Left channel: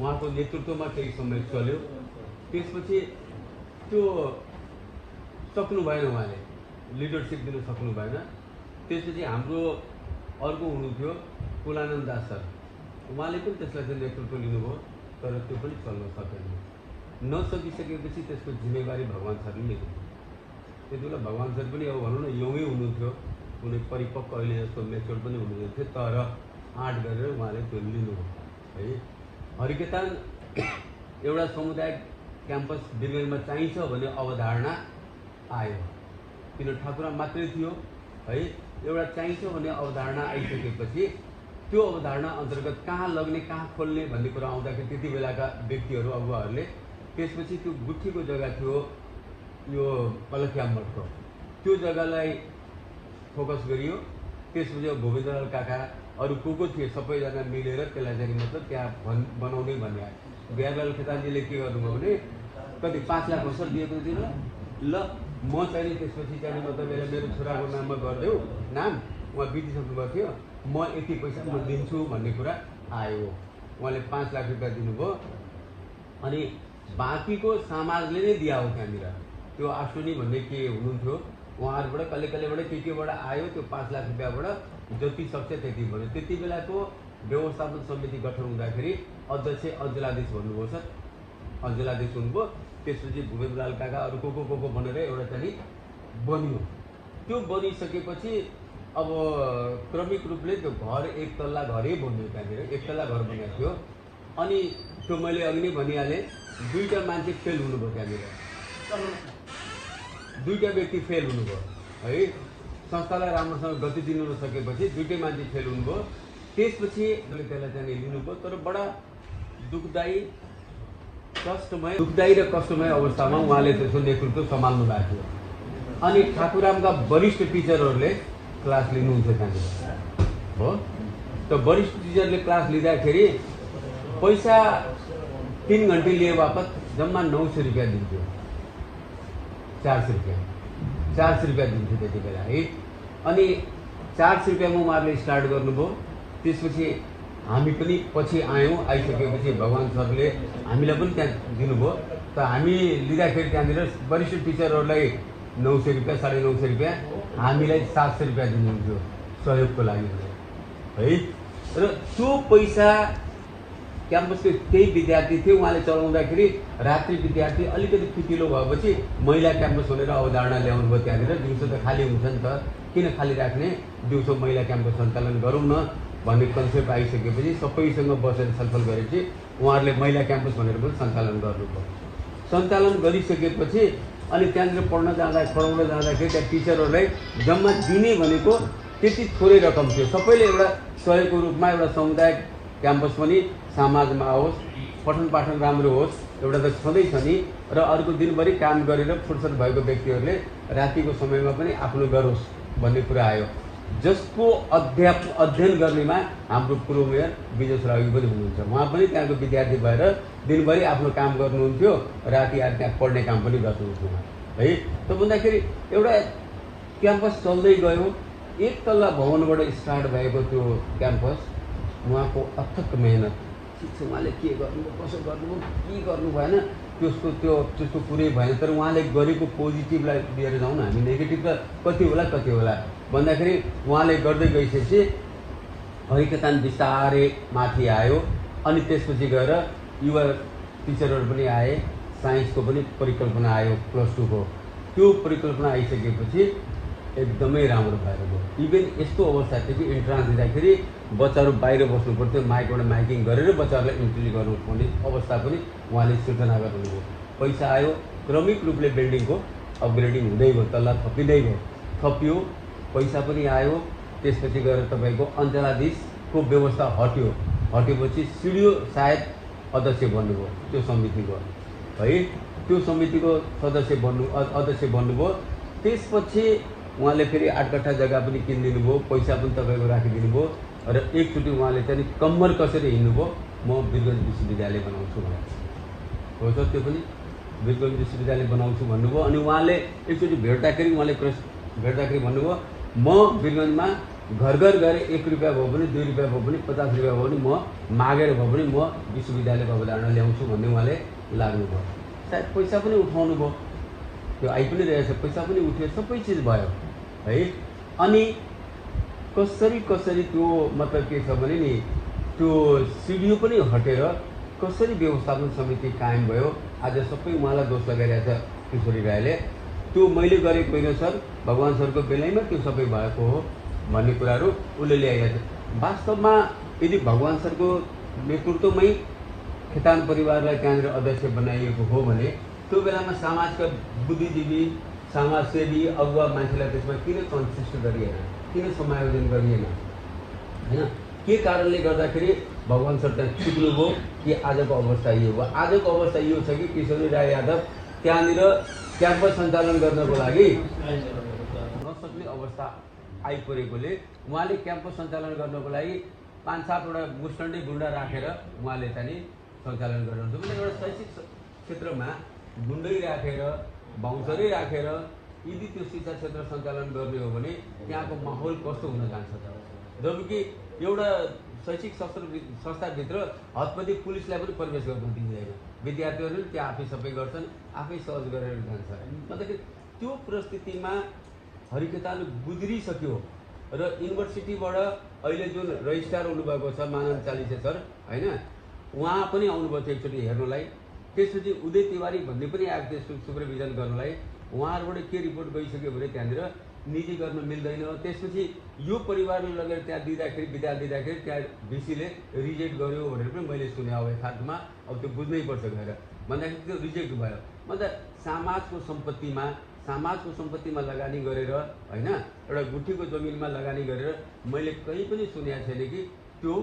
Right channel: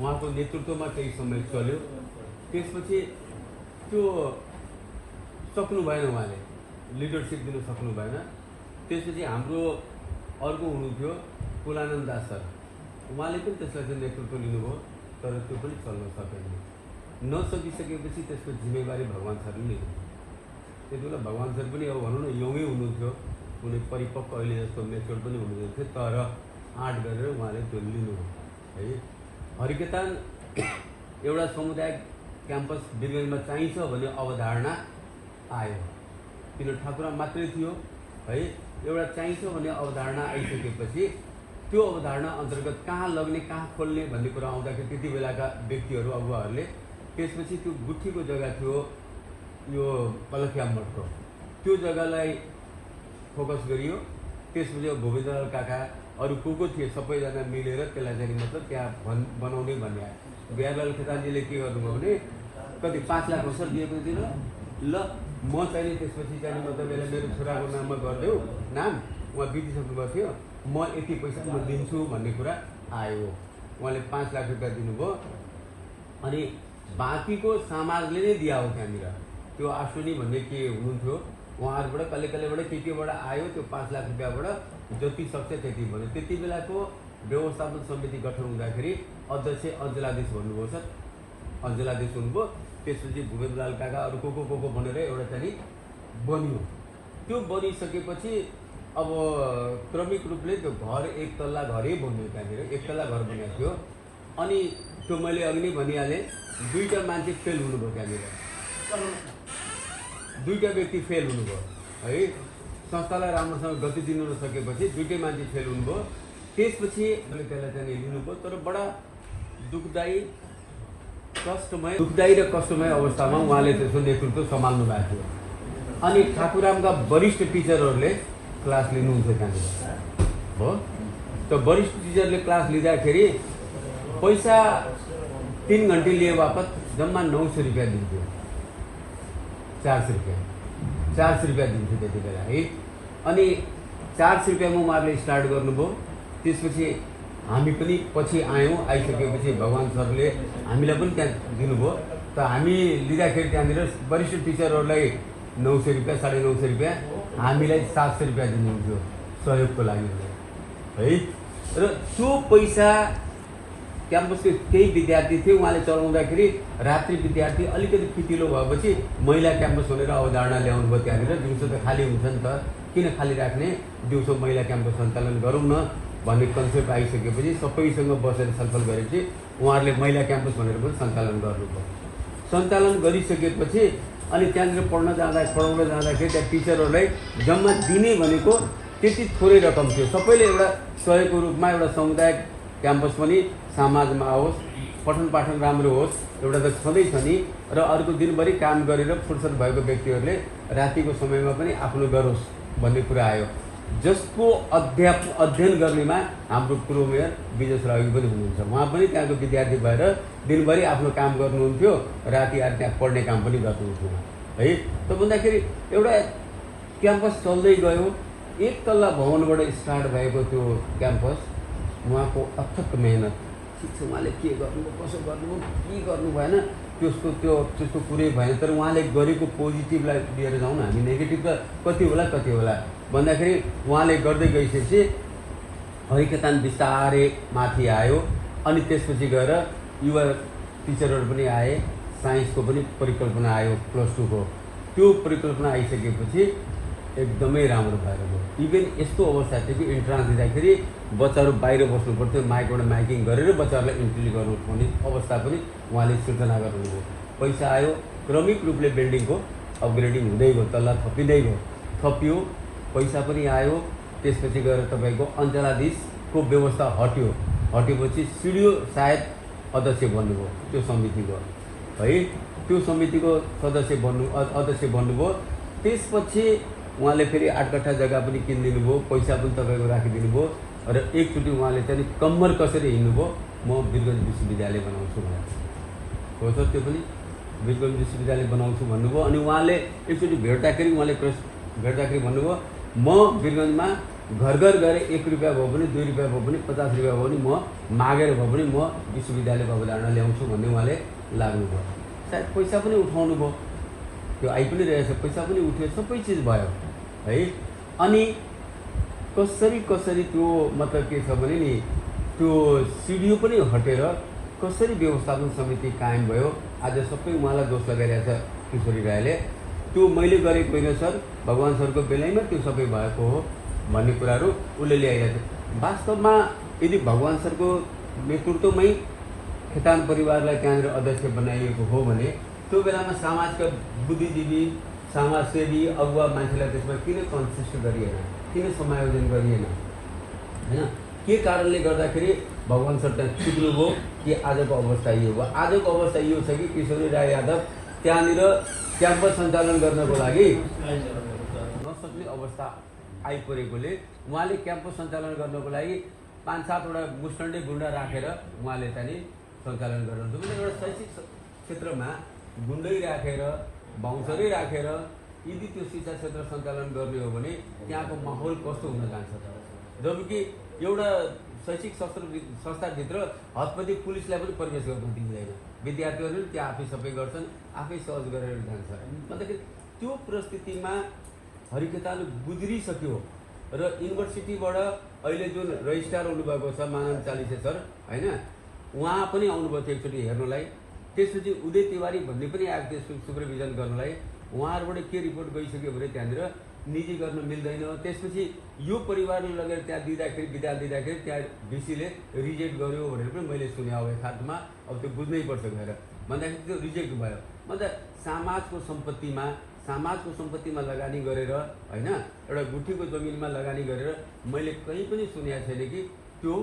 उहाँको नेतृत्वमा केही समय चल्यो। त्यसपछि त्यो सक्नु भएन, उहाँले लिडरसिप दिन सक्नु भएन। त्यसपछि हाम्रो अर्को हुनुहुन्थ्यो कुलानन्द दास सर, उहाँले पनि त्यसलाई चाहिँ नेतृत्व लिनुभयो, तर त्यो पनि चल्न सकेन। नसकिसकेपछि त्यसको जिम्मेवारी भगवान सरले लिनुभयो। त्यति बेला भगवान सर पनि अब भनौँ न यङै हुनुहुन्थ्यो, कुनै परिपक्व अहिले जस्तो मेच्योर पनि हुनुहुँदैन थियो, तर आँट गरेर उहाँले त्यो लिनुभयो है। हरिकेतान एउटा सामुदायिक क्याम्पस वीरगन्जमा चाहिन्छ भन्ने अवधारणा आयो, किन ठाकुरा मात्रै थियो है। एउटा चाहिन्छ भन्ने अवधारणा आइसकेपछि त्यो अवधारणा अन्तर्गत कहाँ लग्ने कहाँ खोल्ने भन्ने कुरा आउँदाखेरि त्यति बेलाका व्यक्तिहरू अगुवाहरूले त्यसपछि त्यो गुठीको जग्गा थियो यो कलख्या मठको, त्यो जग्गालाई फोकस गरियो। त्यसपछि भूपेन्द्र काका अरू को थिए सबैजना मिलेर त्यसलाई चाहिँ मतलब त्यहाँ बनाउने भन्ने आयो। बिहारलाल खेतानजीले के गर्नुभयो भने कति 5 लाख हो सर दिएको थियो ल म चाहिँ त्यसपछि चाहिँ मतलब मेरो छोराको नाममा गरिदेऊ नाम, उहाँ बितिसक्नु भएको थियो, म यति पैसा म दिन्छु भन्ने कुरा आयो। उहाँले 5 लाख रुपियाँ दिनुभयो अनि बाँकीको समाजले नै दिया हो। त्यहाँनिर त्यो आशुनी भन्ने के हुनुहुन्थ्यो, उहाँहरूबाट कहिले कहिलेबाट केबाट आयो त्यो 5 लाख रुपियाँबाट जति सक्छ त्यति भन्यो। त्यति बेलाको व्यवस्थापन समिति गठन हुँदाखेरि अध्यक्ष अञ्जलाधीश भन्नुभयो सर, अञ्जलाधीश हुनुभयो। त्यसपछि भूपेन्द्रलाल काका अरू को भनेर एउटा चाहिँ बन्यो। त्यो बनिसकेपछि अब क्रमिक रूपले त्यो घर 1 तल्ला घरै बन्यो। त्यहाँनिर 1 तल्ला घर बनाएको थियो। अनि त्यो मैले अघि नै भनिहालेँ, 2टा मान्छे फेल हुनुभयो। त्यहाँनिर 2टा व्यक्ति फेल हुनुभयो है। संस्थालाई राम्रोसँग गति दिनु नसकेपछि 2टै मान्छे फेल हुनुभयो। त्यसपछि त्यसलाई चाहिँ लिनुभयो, तर बडा दुःखदायी र कष्टमय अवस्थामा उहाँले त्यसको नेतृत्व सम्हाल्नु भएको थियो। अनि ठाकुरामका वरिष्ठ टिचरहरूले क्लास लिनुहुन्थ्यो त्यहाँनिर हो। त वरिष्ठ टिचरले क्लास लिँदाखेरि पैसा 3 घन्टे लिए बापत जम्मा 900 रुपियाँ दिन्थ्यो, 400 रुपियाँ दिन्थ्यो त्यति बेला है। अनि 400 रुपियाँमा उहाँहरूले स्टार्ट गर्नुभयो। त्यसपछि हामी पनि पछि आयौँ। आइसकेपछि भगवान सरले हामीलाई पनि त्यहाँ दिनुभयो। त हामी लिँदाखेरि त्यहाँनिर वरिष्ठ टिचरहरूलाई 900 रुपियाँ 950 रुपियाँ, हामीलाई 700 रुपियाँ दिनुहुन्थ्यो सहयोगको लागि है। र त्यो पैसा क्याम्पसको केही विद्यार्थी थियो, उहाँले चलाउँदाखेरि रात्रि विद्यार्थी अलिकति फिटिलो भएपछि महिला क्याम्पस भनेर अवधारणा ल्याउनु भयो। त्यहाँनिर दिउँसो त खाली हुन्छ नि त, किन खाली राख्ने, दिउँसो महिला क्याम्पस सञ्चालन गरौँ न भन्ने कन्सेप्ट आइसकेपछि सबैसँग बसेर छलफल गरेपछि उहाँहरूले महिला क्याम्पस भनेर पनि सञ्चालन गर्नुभयो। सञ्चालन गरिसकेपछि अनि त्यहाँनिर पढाउन जाँदाखेरि त्यहाँ टिचरहरूलाई जम्मा दिने भनेको त्यति थोरै रकम थियो। सबैले एउटा सहयोगको रूपमा एउटा सामुदायिक क्याम्पस पनि समाजमा आओस्, पठन पाठन राम्रो होस्, एउटा त छँदैछ नि। र अर्को दिनभरि काम गरेर फुर्सद भएको व्यक्तिहरूले रातिको समयमा पनि आफ्नो गरोस् भन्ने कुरा आयो। जसको अध्ययन गर्नेमा हाम्रो पूर्व मेयर विजय श्रागी पनि हुनुहुन्छ। उहाँ पनि त्यहाँको विद्यार्थी भएर दिनभरि आफ्नो काम गर्नुहुन्थ्यो, राति आएर त्यहाँ पढ्ने काम पनि गर्नुहुन्थ्यो है। त भन्दाखेरि एउटा क्याम्पस चल्दै गयो। 1 तल्ला भवनबाट स्टार्ट भएको त्यो क्याम्पस, उहाँको अथक मेहनत, ठिक छ उहाँले के गर्नुभयो कसो गर्नुभयो के गर्नु भएन त्यसको कुरै भएन। तर उहाँले गरेको पोजिटिभलाई लिएर जाउँ न, हामी नेगेटिभ त कति होला भन्दाखेरि उहाँले गर्दै गइसकेपछि हरिकेतान बिस्तारै माथि आयो। अनि त्यसपछि गएर युवा टिचरहरू पनि आए, साइन्सको पनि परिकल्पना आयो +2 को। त्यो परिकल्पना आइसकेपछि एकदमै राम्रो भएर गयो। इभन यस्तो अवस्था थियो कि इन्ट्रान्स दिँदाखेरि बच्चाहरू बाहिर बस्नु पर्थ्यो, माइकबाट माइकिङ गरेर बच्चाहरूलाई इन्ट्री गर्नुपर्ने अवस्था पनि उहाँले सृजना गर्नुभयो। पैसा आयो, क्रमिक रूपले बिल्डिङको अपग्रेडिङ हुँदै गयो, तल्ला थपिँदै गयो, थपियो, पैसा पनि आयो। त्यसपछि गएर तपाईँको अञ्चलाधीशको व्यवस्था हटेपछि सिडिओ सायद अध्यक्ष बन्नुभयो त्यो समितिको है। त्यो समितिको अध्यक्ष बन्नुभयो। त्यसपछि उहाँले फेरि 8 कट्ठा जग्गा पनि किनिदिनु भयो, पैसा पनि तपाईँको राखिदिनु भयो। र एकचोटि उहाँले चाहिँ कम्मर कसरी हिँड्नुभयो, म वीरगन्ज विश्वविद्यालय बनाउँछु भने हो सर, त्यो पनि वीरगन्ज विश्वविद्यालय बनाउँछु भन्नुभयो। अनि उहाँले एकचोटि भेट्दाखेरि भन्नुभयो, म वीरगन्जमा घर घर गएर 1 रुपियाँ भयो भने 2 रुपियाँ भयो भने 50 रुपियाँ भयो भने म मागेर भयो भने म विश्वविद्यालयको अवधारणा ल्याउँछु भन्ने उहाँले लाग्नुभयो। सायद पैसा पनि उठाउनु भयो, त्यो आइ पनि रहेछ, पैसा पनि उठ्यो, सबै चिज भयो है। अनि कसरी त्यो मतलब के छ भने नि त्यो सिडिओ पनि हटेर कसरी व्यवस्थापन समिति कायम भयो। आज सबै उहाँलाई दोष लगाइरहेछ किशोरी राईले। त्यो मैले गरेको होइन सर, भगवान सरको बेलैमा त्यो सबै भएको हो भन्ने कुराहरू उसले ल्याइरहेछ। वास्तवमा यदि भगवान सरको नेतृत्वमै खेतान परिवारलाई त्यहाँनिर अध्यक्ष बनाइएको हो भने त्यो बेलामा समाजका बुद्धिजीवी, समाजसेवी, अगुवा मान्छेलाई त्यसमा किन कन्सिस्ट गरिएन, किन समायोजन गरिएन होइन? के कारणले गर्दाखेरि भगवान सर त्यहाँ चुक्नुभयो कि आजको अवस्था यो हो? आजको अवस्था यो छ कि किशोरी राई यादव त्यहाँनिर क्याम्पस सञ्चालन गर्नको लागि नसक्ने अवस्था आइपरेकोले उहाँले क्याम्पस सञ्चालन गर्नको लागि 5-7वटा मुस्टन्डे गुन्डा राखेर उहाँले चाहिँ सञ्चालन गर्नुहुन्छ। भने एउटा शैक्षिक क्षेत्रमा गुन्दै राखेर, बाउन्सरै राखेर यदि त्यो शिक्षा क्षेत्र सञ्चालन गर्ने हो भने त्यहाँको माहौल कस्तो हुन जान्छ त? जबकि एउटा शैक्षिक संस्थाभित्र हतपति पुलिसलाई पनि प्रवेश गर्न दिँदैन, विद्यार्थीहरूले त्यहाँ आफै सबै गर्छन्, आफै सहज गरेर जान्छ। भन्दाखेरि त्यो परिस्थितिमा हरिखेतान गुज्रिसक्यो र युनिभर्सिटीबाट अहिले जुन रजिस्ट्रार हुनुभएको छ मानव चालिसे सर होइन, उहाँ पनि आउनुभएको थियो एकचोटि हेर्नलाई। त्यसपछि उदय तिवारी भन्ने पनि आएको थियो सुपरभिजन गर्नलाई। उहाँहरूबाट के रिपोर्ट गइसक्यो भने त्यहाँनिर निजी गर्न मिल्दैन। त्यसपछि यो परिवारले लगेर त्यहाँ दिँदाखेरि विद्यालय दिँदाखेरि त्यहाँ भिसीले रिजेक्ट गर्यो भनेर पनि मैले सुने अब यथार्थमा। अब त्यो बुझ्नै पर्छ गएर भन्दाखेरि त्यो रिजेक्ट भयो। मतलब समाजको सम्पत्तिमा लगानी गरेर होइन, एउटा गुठीको जमिनमा लगानी गरेर मैले कहीँ पनि सुनेको छैन कि त्यो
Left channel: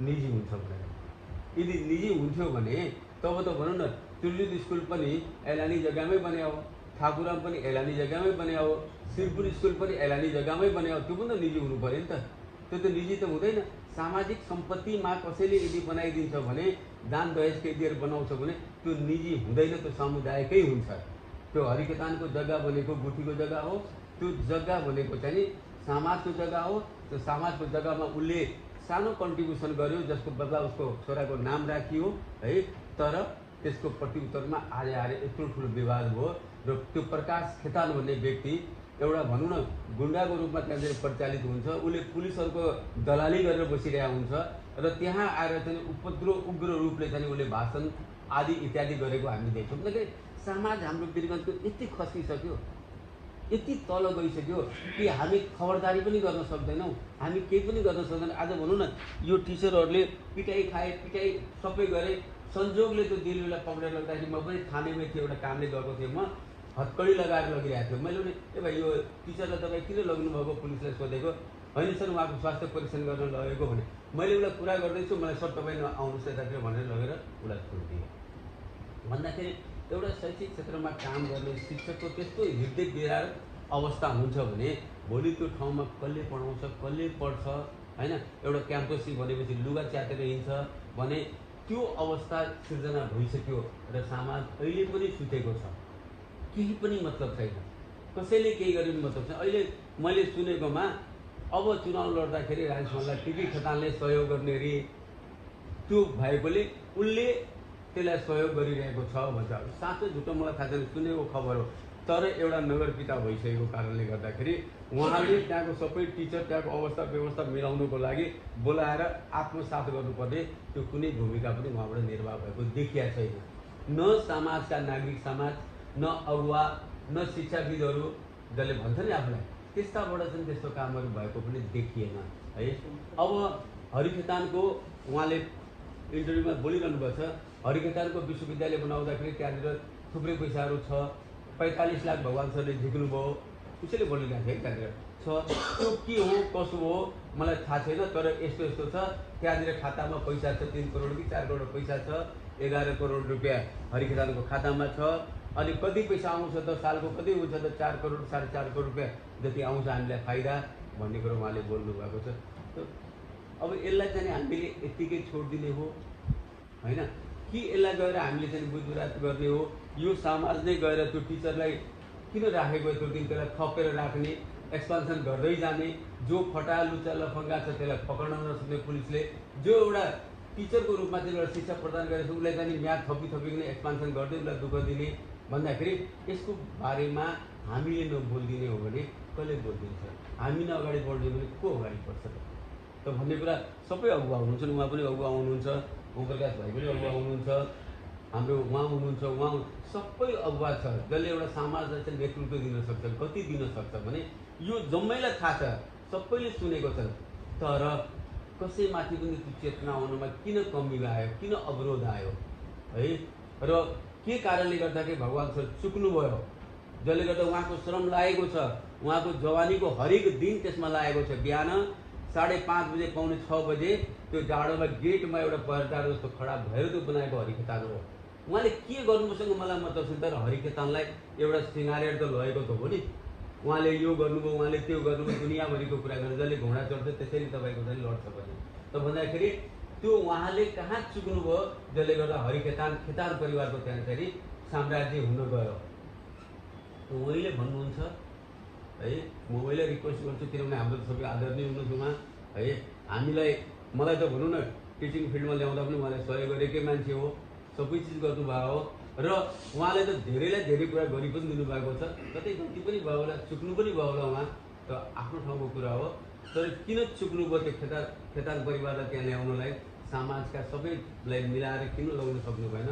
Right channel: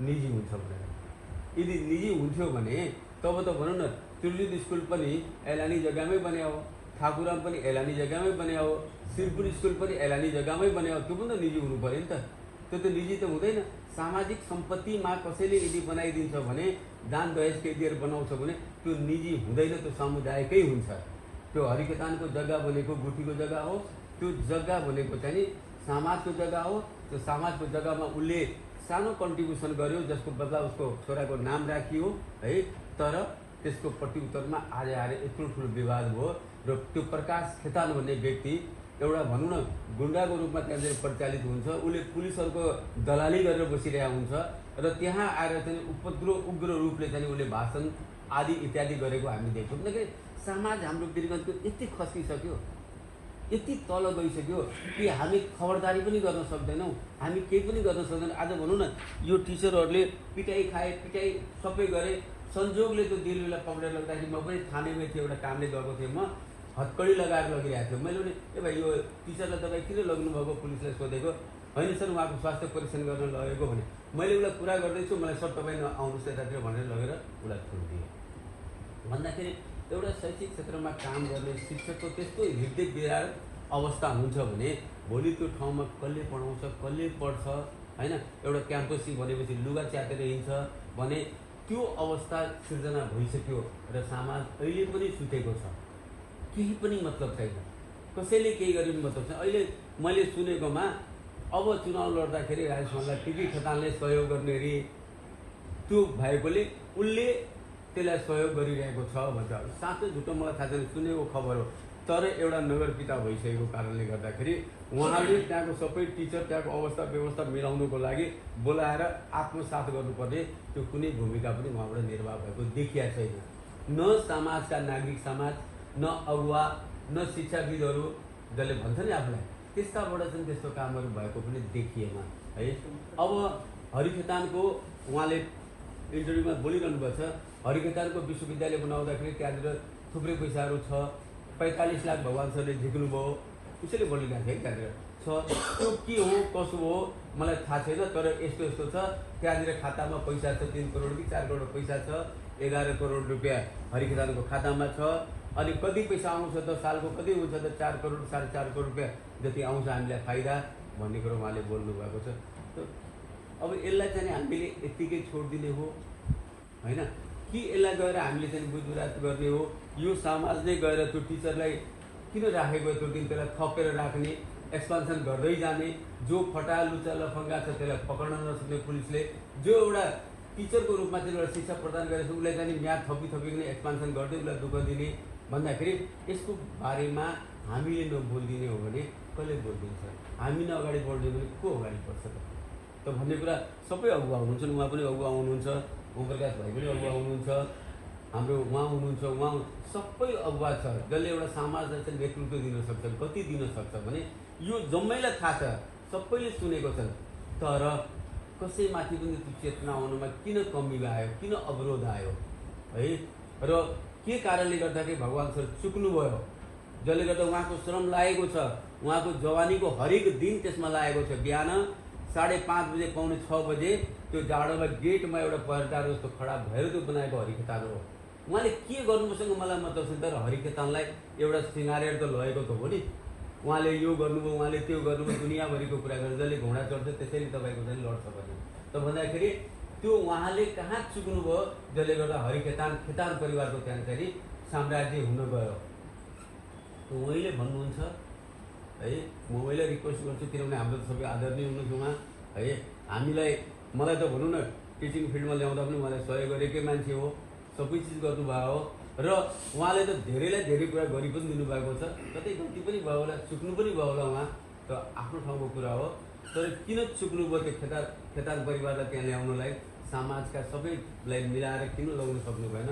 निजी हुन्छ भनेर। यदि निजी हुन्थ्यो भने तब त भनौँ न त्रिजुत स्कुल पनि एलानी जग्गामै बन्यो, ठाकुराम पनि एलानी जग्गामै बन्यो, सिरपुर स्कुल पनि एलानी जग्गामै बन्यो। त्यो पनि त निजी हुनु पऱ्यो नि त, त्यो त निजी त हुँदैन। सामाजिक सम्पत्तिमा कसैले यदि बनाइदिन्छ भने, दान दहेज के दिएर बनाउँछ भने त्यो निजी हुँदैन, त्यो समुदायकै हुन्छ। त्यो हरिखेतानको जग्गा भनेको गुठीको जग्गा हो, त्यो जग्गा भनेको चाहिँ समाजको जग्गा हो। त्यो समाजको जग्गामा उसले सानो कन्ट्रिब्युसन गर्यो जसको बदला उसको छोराको नाम राखियो है। तर त्यसको प्रत्युत्तरमा आएर यत्रो ठुलो विवाद भयो र त्यो प्रकाश खेतान भन्ने व्यक्ति एउटा भनौँ न गुन्डाको रूपमा त्यहाँ परिचालित हुन्छ। उसले पुलिसहरूको दलाली गरेर बसिरहेको हुन्छ र त्यहाँ आएर चाहिँ उग्र रूपले चाहिँ उसले भाषण आदि इत्यादि गरेको हामी देख्छौँ। भन्दाखेरि समाज हाम्रो वीरगन्जको यति खस्किसक्यो, यति तल गइसक्यो कि हामी खबरदारी पनि गर्न सक्दैनौँ, हामी केही पनि गर्न सक्दैनौँ। आज भनौँ न यो टिचरहरूले पिटाइ खाए, पिटाइ सबै गरे। संजोगले त्यो दिल्लीलाई पक्रेर लग्दाखेरि म पनि थानेमै थिएँ, एउटा कामले गएको थिएँ, म हत्कडी लगाएर लगिरहेको थियो। मैले भने ए भाइ यो टिचरलाई तपाईँ किन लग्नुभएको पुलिसलाई सोधेको, होइन सर उहाँको स्वास्थ्य परीक्षण गर्न लगेको भने मैले उसलाई कुरा गर्दैछु, मलाई सर तपाईँ आउनुहोस् यतातिर भनेर लगेर उसलाई छोडिदिएँ। भन्दाखेरि एउटा शैक्षिक क्षेत्रमा काम गर्ने शिक्षकको त्यस्तो हृदय विरार अवस्था हुन्छ भने भोलि त्यो ठाउँमा कसले पढाउँछ, कसले पढ्छ होइन? एउटा क्याम्पसी भनेपछि लुगा च्यातेर हिँड्छ भने त्यो अवस्था सिर्जना भइसक्यो र समाज अहिले पनि सुतेको छ, केही पनि मतलब छैन, कसैले केही गर्ने मतलब छैन। अहिले मैले सुनेकोमा अब चुनाव लड्दाखेरि राजेशमललाई टिभी खेतानले सहयोग गर्ने रे, त्यो भएकोले उसले त्यसलाई सहयोग गरिरहेको छ भन्छ। साँचो झुटो मलाई थाहा छैन, सुनेको खबर हो। तर एउटा नगरपिता भइसकेको कारणले गर्दाखेरि उहाँले त्यहाँको सबै टिचर त्यहाँको अवस्था व्यवस्था मिलाउनुको लागि बोलाएर आत्मसात गर्नुपर्ने त्यो कुनै भूमिका पनि उहाँबाट निर्वाह भएको देखिया छैन। न समाजका नागरिक समाज, न अगुवा, न शिक्षाविदहरू जसले भन्छ नि आफूलाई, त्यस्ताबाट चाहिँ त्यस्तो कामहरू भएको पनि देखिएन है। अब हरिखेतानको उहाँले इन्टरभ्यूमा बोलिरहनु भएको छ, हरिखेतानको विश्वविद्यालय बनाउँदाखेरि त्यहाँनिर थुप्रै पैसाहरू छ, 45 लाख भगवान सरले झिक्नुभयो, उसैले बोलिरहेको थियो है त्यहाँनिर छ। त्यो के हो कसो हो मलाई थाहा छैन, तर यस्तो यस्तो छ। त्यहाँनिर खातामा पैसा छ 3 करोड कि 4 करोड पैसा छ, 11 करोड रुपियाँ हरिखेतानको खातामा छ। अनि कति पैसा आउँछ त, सालको कति हुन्छ त, 4 करोड 4.5 करोड रुपियाँ जति आउँछ हामीलाई फाइदा भन्ने कुरो उहाँले बोल्नु भएको छ। अब यसलाई चाहिँ हामीले यत्तिकै छोडिदिने हो होइन कि यसलाई गएर हामीले चाहिँ बुझबुझात गर्ने हो? यो समाज नै गएर त्यो टिचरलाई किन राखेको त्यो दिन त्यसलाई थपेर राख्ने, एक्सपान्सन गर्दै जाने, जो फटा लुचा लफङ्गा छ त्यसलाई पक्र्न नसक्ने पुलिसले, जो एउटा टिचरको रूपमा चाहिँ एउटा शिक्षा प्रदान गरेको छ उसलाई चाहिँ म्याद थपिकन एक्सपान्सन गर्दै उसलाई दुःख दिने भन्दाखेरि यसको बारेमा हामीले नबोलिदिने हो भने कसले बोलिदिन्छ? हामी न अगाडि बढ्दियो भने को अगाडि बढ्छ त भन्ने कुरा सबै अगुवा हुनुहुन्छ। उहाँ पनि अगुवा हुनुहुन्छ, ओमप्रकाश भाइ पनि अगुवा हुनुहुन्छ, हाम्रो उहाँ हुनुहुन्छ, उहाँ सबै अगुवा छ जसले एउटा समाजलाई चाहिँ नेतृत्व दिन सक्छ, गति दिन सक्छ भने यो जम्मैलाई थाहा छ, सबैले सुनेको छन्। तर कसैमाथि पनि त्यो चेतना आउनुमा किन कमी आयो, किन अवरोध आयो है? र के कारणले गर्दाखेरि भगवान सर चुक्नुभयो, जसले गर्दा उहाँको श्रम लागेको छ, उहाँको जवानीको हरेक दिन त्यसमा लागेको छ। बिहान 5:30 बजे, 5:45 बजे त्यो जाडोमा गेटमा एउटा पहरेदार जस्तो खडा भएर त्यो बनाएको हरिखेतान हो। उहाँले के गर्नुभयोसँग मलाई मतलब छ तर हरिखेतानलाई एउटा सिँगारेर त लगेको त हो नि। उहाँले यो गर्नुभयो, उहाँले त्यो गर्नुभयो, दुनियाँभरिको कुरा गरेर जसले घोडा चढ्छ त्यसैले तपाईँको चाहिँ लड्छ भने त भन्दाखेरि त्यो उहाँले कहाँ चुक्नुभयो जसले गर्दा खेतान परिवारको त्यहाँ चाहिँ साम्राज्य हुन गयो। उहाँले भन्नुहुन्छ है, म उहाँले रिक्वेस्ट गर्छु किनभने हाम्रो सबै आदरणीय हुनुहुन्छ उहाँ है। हामीलाई मलाई त भनौँ न टिचिङ फिल्डमा ल्याउँदा पनि उहाँलाई सहयोग गरेकै मान्छे हो, सबै चिज गर्नुभएको हो र उहाँले त धेरैलाई धेरै कुरा गरि पनि दिनुभएको छ। कतै गल्ती पनि भयो होला, चुक्नु पनि भयो होला उहाँ, त आफ्नो ठाउँको कुरा हो। तर किन चुक्नुभयो त्यो खेतान परिवारलाई त्यहाँ ल्याउनलाई, समाजका सबैलाई मिलाएर किन ल्याउन सक्नु भएन?